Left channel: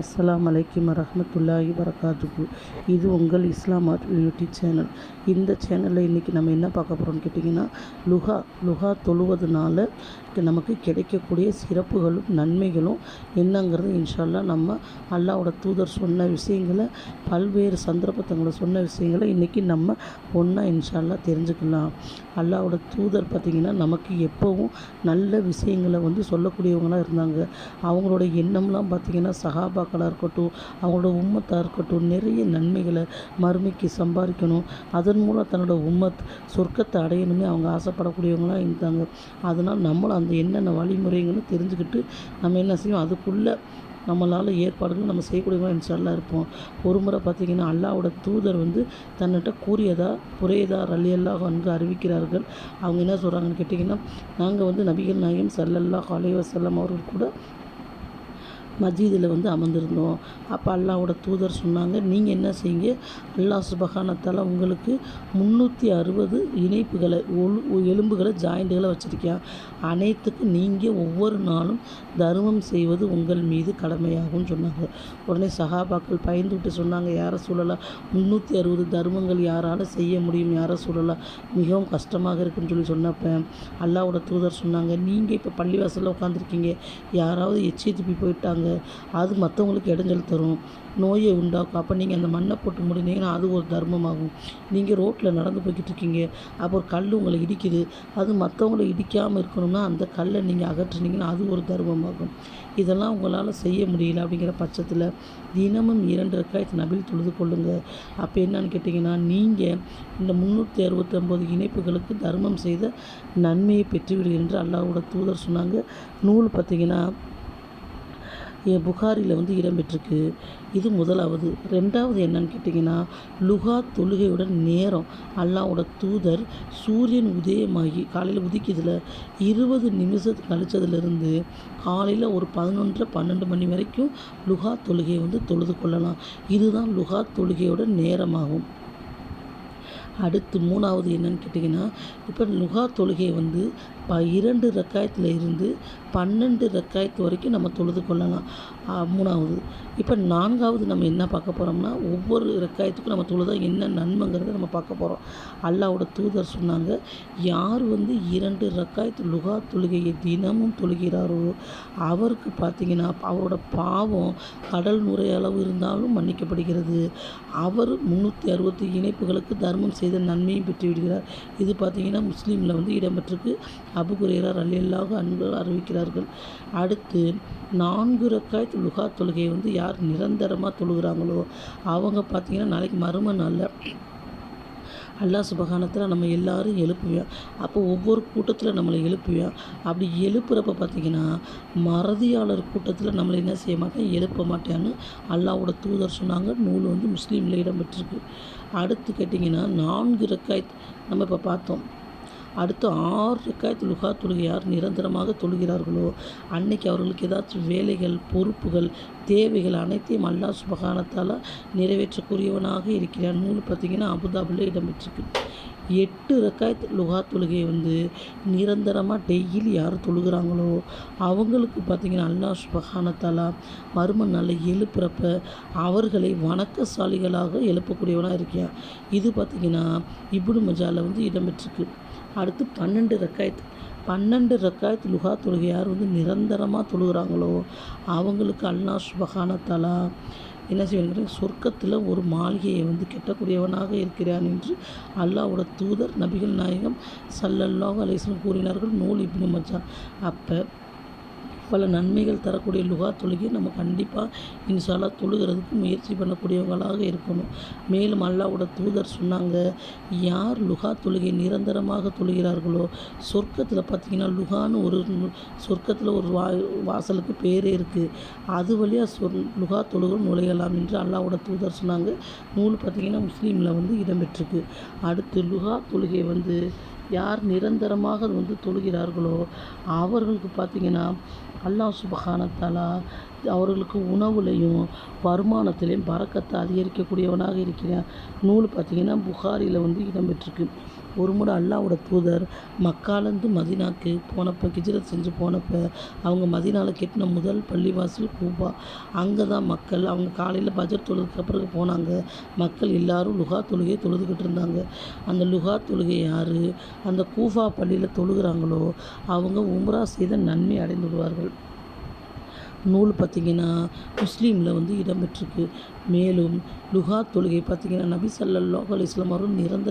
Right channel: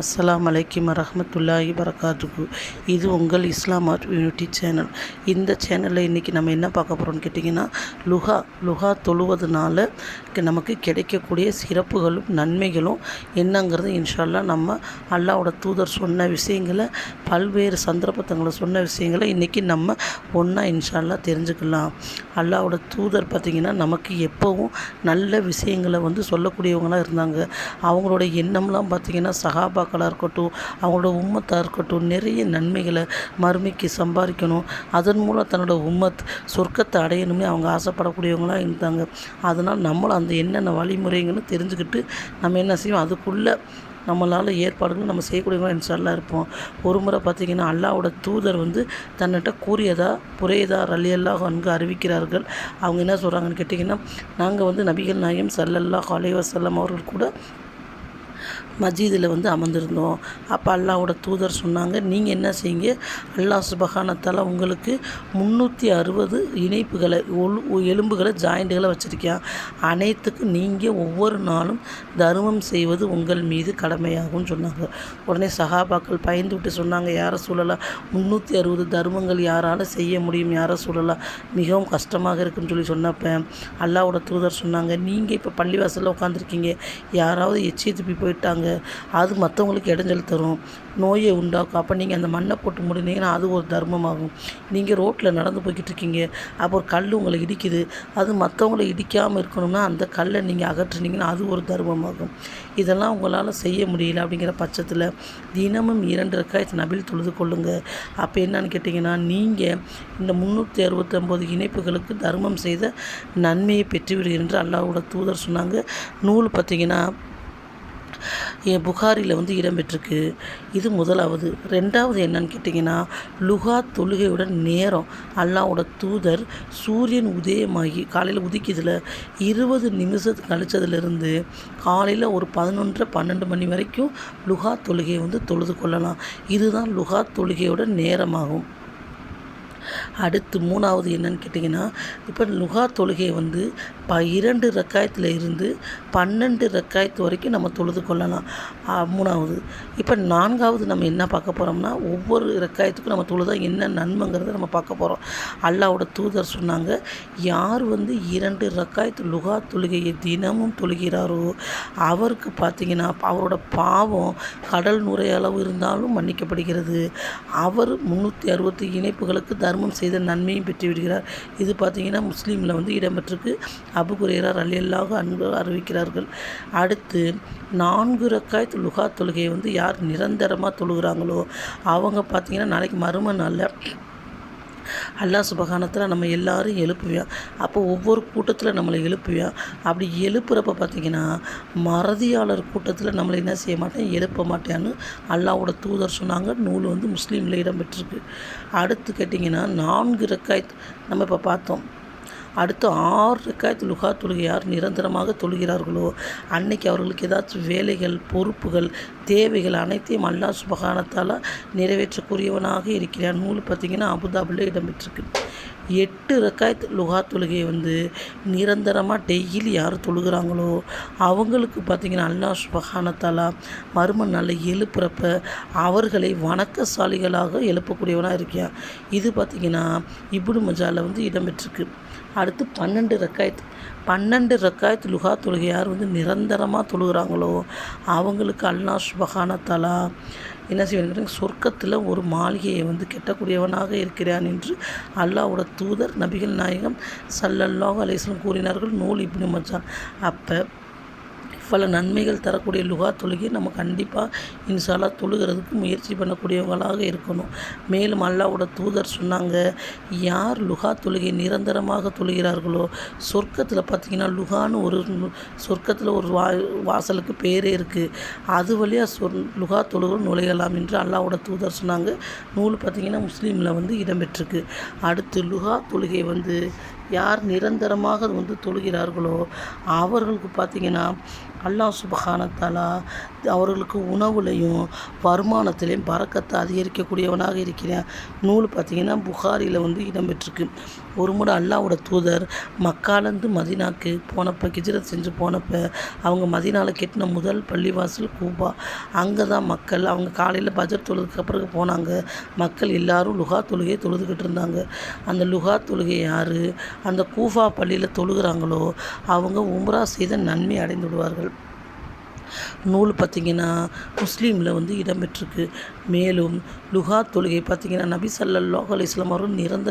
அஸ்ஸலாமு அலைக்கும் வரஹ்மத்துல்லாஹி வரகாத்துஹு. இது உங்கள் இஸ்லாம் ஆர்ட் யூனிட்டி சேனல். இந்த சேனலில் இன்றைக்கி நம்ம என்ன பார்க்க போகிறோம்னு கேட்டிங்கன்னா, லுஹா தொழுவதுனால நமக்கு கிடைக்கக்கூடிய சிறப்புகளும் நன்மைகளும் என்னங்கிறது இன்ஷா அல்லாஹ் நம்ம அல்லாஹ்வோட தூதர் சொன்ன விஷயங்களை, பல்வேறு சந்தர்ப்பத்தங்களை சொன்ன விஷயங்களை இன்றைக்கி நம்ம ஒன்றா இன்ஷா அல்லாஹ் தெரிஞ்சுக்கலாம். அல்லாஹ்வோட தூதர் பார்த்திங்கன்னா நமக்கு எப்போவும் நல்ல விஷயங்களை சொல்லக்கூடியவங்களாக இருந்தாங்க. அவங்களோட எண்ணம்லாம் பார்த்திங்கன்னா சஹாபாக்களாக இருக்கட்டும், அவங்களோட உம்மத்தாக இருக்கட்டும், நிறைய நன்மைகளை மறுமைக்கு சம்பாதிக்கணும், அதன் மூலம் தன்னோட உம்மத் சொர்க்கத்தை அடையணும்னு அவங்க ஆசைப்படக்கூடியவங்களாக இருந்தாங்க. அதனால் நம்மளும் அந்த என்னென்ன வழிமுறைகள்னு தெரிஞ்சுக்கிட்டு நம்ம என்ன செய்வோம், அதுக்குள்ளே நம்மளால் ஏற்பாடுகள் நம்ம செய்யக்கூடியவங்க இன்ஷா அல்லாஹ் இருப்போம். ஒரு முறை பார்த்திங்கன்னா அல்லாஹ்வோட தூதர் தன்னிட்ட கூறியதா புரையதா ரலியல்லாஹு அன்ஹு அறிவிக்கிறார்கள். அவங்க என்ன சொல்கிறாங்கன்னு கேட்டிங்கன்னா, நாங்கள் நபிகள் நாயகம் ஸல்லல்லாஹு அலைஹி வஸல்லம் அவர்கள் கூட மஸ்ஜிதில் அமர்ந்திருந்தோம். அப்போ அல்லாஹ்வோட தூதர் சொன்னாங்க, நீங்கள் என்ன செய்யுங்க, அல்லாஹ் சுப்ஹானஹு தஆலா உங்களுக்கு 360 இணைப்புகளை எலும்புகளை ஜாயிண்ட்டுகளை வச்சுருக்கேன். அனைத்துக்கும் நீங்கள் ஒவ்வொரு நாளும் தர்மம் செய்வது உங்கள் மீது கடமையாகும்னு சொன்னாங்க. உடனே சஹாபாக்கள் பயந்து விட்டு சொன்னாங்க, யாரை சொல்லலாம், 360 தர்மங்கள் யாரால் செய்ய முடியும், யாரை சொல்லலாம், மிகவும் கஷ்டமாக இருக்குன்னு சொன்னப்போ அல்லாஹ்வோட தூதர் சொன்னாங்க, நீங்கள் இப்போ பள்ளிவாசலில் உட்காந்துருக்கீங்க, யாராவது எச்சி துப்பி போயிட்டாங்க, அது மற்றவங்களுக்கு இடைஞ்சல் தரும், நோயை உண்டாக்கும். அப்போ நீங்கள் அந்த மண்ணை போட்டு முடினீங்கன்னா அது ஒரு தர்மமாகும். நீங்கள் ரோட்டில் நடந்து போய்கிட்டு இருக்கீங்க, அப்போ ஒரு கல் உங்களை இடிக்குது, அது மற்றவங்களை இடிக்காமல் இருக்கணும்னா அந்த கல்லை நீங்கள் அகற்றுனீங்கன்னா அது ஒரு தர்மமாகும். இதெல்லாம் உங்களால் செய்ய முடியல அப்படிங்கிற பட்சத்தில் தினமும் 2 ரக்காயத் நபில் தொழுது கொள்ளுங்கள். அப்போ என்னன்னு கேட்டிங்கன்னா, நீங்கள் இந்த 369 இணைப்புகளுக்கு தர்மம் செய்த நன்மையை பெற்றுவிடுகிறீர்கள் என்று அல்லாஹ்வோட தூதர் சொன்னாங்க. நூல் பார்த்திங்கன்னா புகாரியில் இடம்பெற்றிருக்கு. இது முதலாவது. ரெண்டாவது என்னன்னு கேட்டிங்கன்னா, லுஹா தொழுகையுடன் நேரம் அல்லாஹ்வோட தூதர் சூரியன் உதயமாகி காலையில் உதிக்குதில் 20 நிமிஷம் கழிச்சதுலேருந்து காலையில் ஒரு 11 12 மணி வரைக்கும் லுஹா தொழுகையை தொழுது கொள்ளலாம். இதுதான் லுஹா தொழுகையோட நேரமாகும். அடுத்து மூணாவது என்னன்னு கேட்டிங்கன்னா, இப்போ லுஹா தொழுகையை 2 ரக்காயத்தில் இருந்து 12 ரக்காயத்து வரைக்கும் நம்ம தொழுது கொள்ளலாம். மூணாவது. இப்போ நான்காவது நம்ம என்ன பார்க்க போகிறோம்னா, ஒவ்வொரு ரக்காயத்துக்கும் நம்ம தொழுதா என்ன நன்மைங்கிறத நம்ம பார்க்க போகிறோம். அல்லாஹ்வோட தூதர் சொன்னாங்க, யார் 2 ரக்காயத்து லுஹா தொழுகையை தினமும் தொழுகிறாரோ அவருக்கு பார்த்திங்கன்னா அவரோட பாவம் கடல் நுரையளவு இருந்தாலும் மன்னிக்கப்படுகிறது. அவர் 360 இணைப்புகளுக்கு தர்மம் செய்த நன்மையும் பெற்று விடுகிறார். இது பார்த்திங்கன்னா முஸ்லீமில் இடம்பெற்றிருக்கு. அபூ ஹுரைரா ரலியல்லாஹு அன்ஹு அறிவிக்கிறார்கள். அடுத்து 4 ரக்காயத் லுஹா தொழுகையை யார் நிரந்தரமாக தொழுகிறாங்களோ அவங்க பார்த்திங்கன்னா நாளைக்கு மறுமை நாளில் அல்லாஹ் சுப்ஹானஹு தஆலா நம்ம எல்லாரும் எழுப்புவேன். அப்போ ஒவ்வொரு கூட்டத்தில் நம்மளை எழுப்புவேன். அப்படி எழுப்புறப்ப பார்த்திங்கன்னா மறதியாளர் கூட்டத்தில் நம்மளை என்ன செய்ய மாட்டேன், எழுப்ப மாட்டேன்னு அல்லாஹ்வோட தூதர் சொன்னாங்க. நூல் முஸ்லீமில் இடம்பெற்றிருக்கு. அடுத்து கேட்டிங்கன்னா 4 ரக்காயத் நம்ம இப்போ பார்த்தோம். அடுத்து 6 ரக்காயத் லுஹா தொழுகை யார் நிரந்தரமாக தொழுகிறார்களோ அன்னைக்கு அவர்களுக்கு ஏதாச்சும் வேலைகள், பொறுப்புகள், தேவைகள் அனைத்தையும் அல்லாஹ் சுப்ஹானஹு தஆலா நிறைவேற்றக்கூடியவனாக இருக்கிறான். நூல் பார்த்திங்கன்னா அபுதாபியில் இடம்பெற்றிருக்கு. 8 ரக்காயத் லுஹா தொழுகையை நிரந்தரமாக டெய்லி யார் தொழுகிறாங்களோ அவங்களுக்கு பார்த்திங்கன்னா அல்லாஹ் சுப்ஹானஹு தஆலா மறுமை நாளில் எழுப்புறப்ப அவர்களை வணக்கசாலிகளாக எழுப்பக்கூடியவனாக இருக்கான். இது பார்த்திங்கன்னா இப்னு மஜாவில் இடம்பெற்றிருக்கு. அடுத்து 12 ரக்காயத் லுஹா தொழுகை யார் நிரந்தரமாக தொழுகிறாங்களோ அவங்களுக்கு அல்லாஹ் சுப்ஹானஹு தஆலா என்ன செய்வாங்க, சொர்க்கத்தில் ஒரு மாளிகையை கட்டக்கூடியவனாக இருக்கிறான் என்று அல்லாஹ்வோட தூதர் நபிகள் நாயகம் ஸல்லல்லாஹு அலைஹி வஸல்லம் கூறினார்கள். நூல் இப்னு மஜா. அப்போ பல நன்மைகள் தரக்கூடிய லுஹா தொழுகை நம்ம கண்டிப்பாக இன்ஷா அல்லாஹ் தொழுகிறதுக்கு முயற்சி பண்ணக்கூடியவங்களாக இருக்கணும். மேலும் அல்லாஹ்வோட தூதர் சொன்னாங்க, யார் லுஹா தொழுகை நிரந்தரமாக தொழுகிறார்களோ சொர்க்கத்தில் பார்த்திங்கன்னா லுஹான்னு ஒரு சொர்க்கத்தில் ஒரு வாசலுக்கு பேரே இருக்குது, அது வழியாக லுஹா தொழுகை நுழையலாம் என்று அல்லாஹ்வோட தூதர் சொன்னாங்க. நூல் பார்த்திங்கன்னா முஸ்லீமில் இடம்பெற்றிருக்கு. அடுத்து லுஹா தொழுகை யார் நிரந்தரமாக தொழுகிறார்களோ அவர்களுக்கு பார்த்திங்கன்னா அல்லாஹ் சுப்ஹானஹு தஆலா அவர்களுக்கு உணவுலையும் வருமானத்திலையும் பறக்கத்தை அதிகரிக்கக்கூடியவனாக இருக்கிறேன். நூல் பார்த்திங்கன்னா புகாரியில் இடம்பெற்றிருக்கு. ஒரு முறை அல்லாஹ்வோட தூதர் மக்காலேருந்து மதீனாக்கு போனப்போ, ஹிஜ்ரத் செஞ்சு போனப்போ, அவங்க மதீனாவில் கட்டின முதல் பள்ளிவாசல் கூபா. அங்கே தான் மக்கள் அவங்க காலையில் பஜர் தொழுதுக்கு பிறகு போனாங்க. மக்கள் எல்லாரும் லுஹா தொழுகையை தொழுதுகிட்டு இருந்தாங்க. அந்த லுஹா தொழுகை யார் அந்த கூஃபா பள்ளியில் தொழுகிறாங்களோ அவங்க உம்ரா செய்த நன்மை அடைந்து விடுவார்கள். நூல் பார்த்திங்கன்னா முஸ்லீமில் இடம்பெற்றிருக்கு. மேலும் லுஹா தொழுகை பார்த்திங்கன்னா நபி ஸல்லல்லாஹு அலைஹி வஸல்லம் அவர்கள் நிறந்த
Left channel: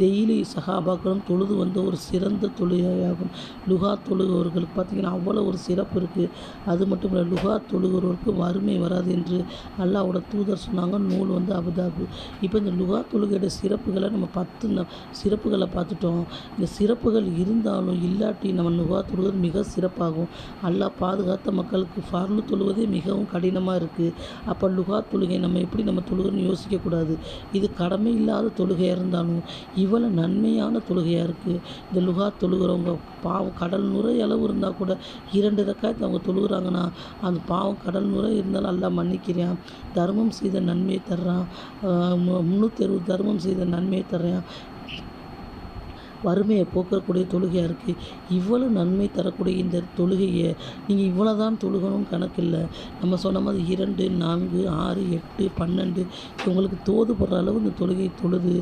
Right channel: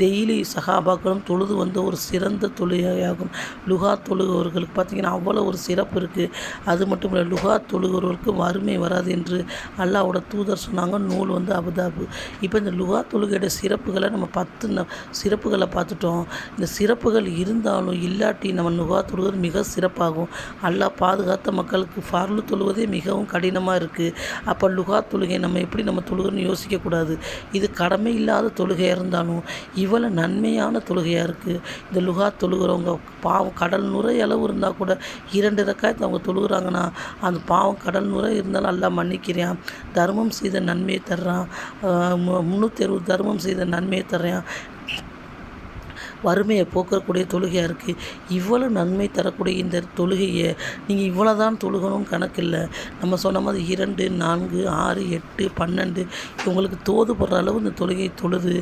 டெய்லி சஹாபாக்களும் தொழுது வந்த ஒரு சிறந்த தொழுகையாகும். லுஹா தொழுகிறவர்களுக்கு பார்த்திங்கன்னா அவ்வளோ ஒரு சிறப்பு இருக்குது. அது மட்டும் இல்லை, லுஹா தொழுகிறவர்களுக்கு வறுமை வராது என்று அல்லாஹ்வோட தூதர் சொன்னாங்க. நூல் அபுதாபு. இப்போ இந்த லுஹா தொழுகையோட சிறப்புகளை நம்ம 10 சிறப்புகளை பார்த்துட்டோம். இந்த சிறப்புகள் இருந்தாலும் இல்லாட்டி நம்ம லுஹா தொழுகிறது மிக சிறப்பாகும். அல்லாஹ் பாதுகாத்த மக்களுக்கு ஃபர்லு தொழுவதே மிகவும் கடினமாக இருக்குது. அப்போ லுஹா தொழுகை நம்ம எப்படி தொழுகிறோன்னு யோசிக்கக்கூடாது. இது கடமை இல்லாத தொழுகையாக இருந்தாலும் இவ்வளோ நன்மையான தொழுகையாக இருக்குது. இந்த லுஹா தொழுகிறவங்க பாவம் கடல் நுரை அளவு இருந்தால் கூட 2 ரக்காயத்து அவங்க தொழுகிறாங்கன்னா அந்த பாவம் கடல் நுரை இருந்தாலும் அல்லாஹ் மன்னிக்கிறான். தர்மம் செய்த நன்மையை தர்றான். 360 தர்மம் செய்த நன்மையை தர்றான். வறுமையை போக்கக்கூடிய தொழுகையாக இருக்குது. இவ்வளோ நன்மை தரக்கூடிய இந்த தொழுகையை நீங்கள் இவ்வளோ தான் தொழுகணும்னு கணக்கில்லை. நம்ம சொன்ன மாதிரி 2, 4, 6, 8, 12 உங்களுக்கு தோதுபடுற அளவு இந்த தொழுகை தொழுது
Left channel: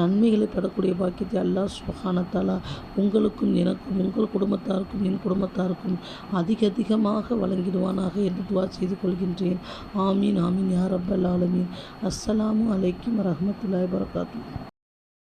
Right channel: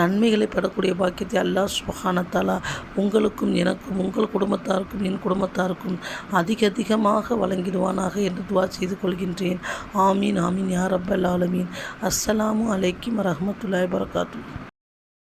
நன்மைகளை பெறக்கூடிய பாக்கியத்தை அல்லாஹ் சுப்ஹானஹு வ தஆலா உங்களுக்கும் எனக்கும் உங்கள் குடும்பத்தாருக்கும் என் குடும்பத்தாருக்கும் அதிகமாக வழங்கிடுவானாக என்று துஆ செய்து கொள்கின்றேன். ஆமீன் ஆமீன் யா ரப்பல் ஆலமீன். அஸ்ஸலாமு அலைக்கும் வரஹ்மத்துல்லாஹி வபரகாத்துஹு.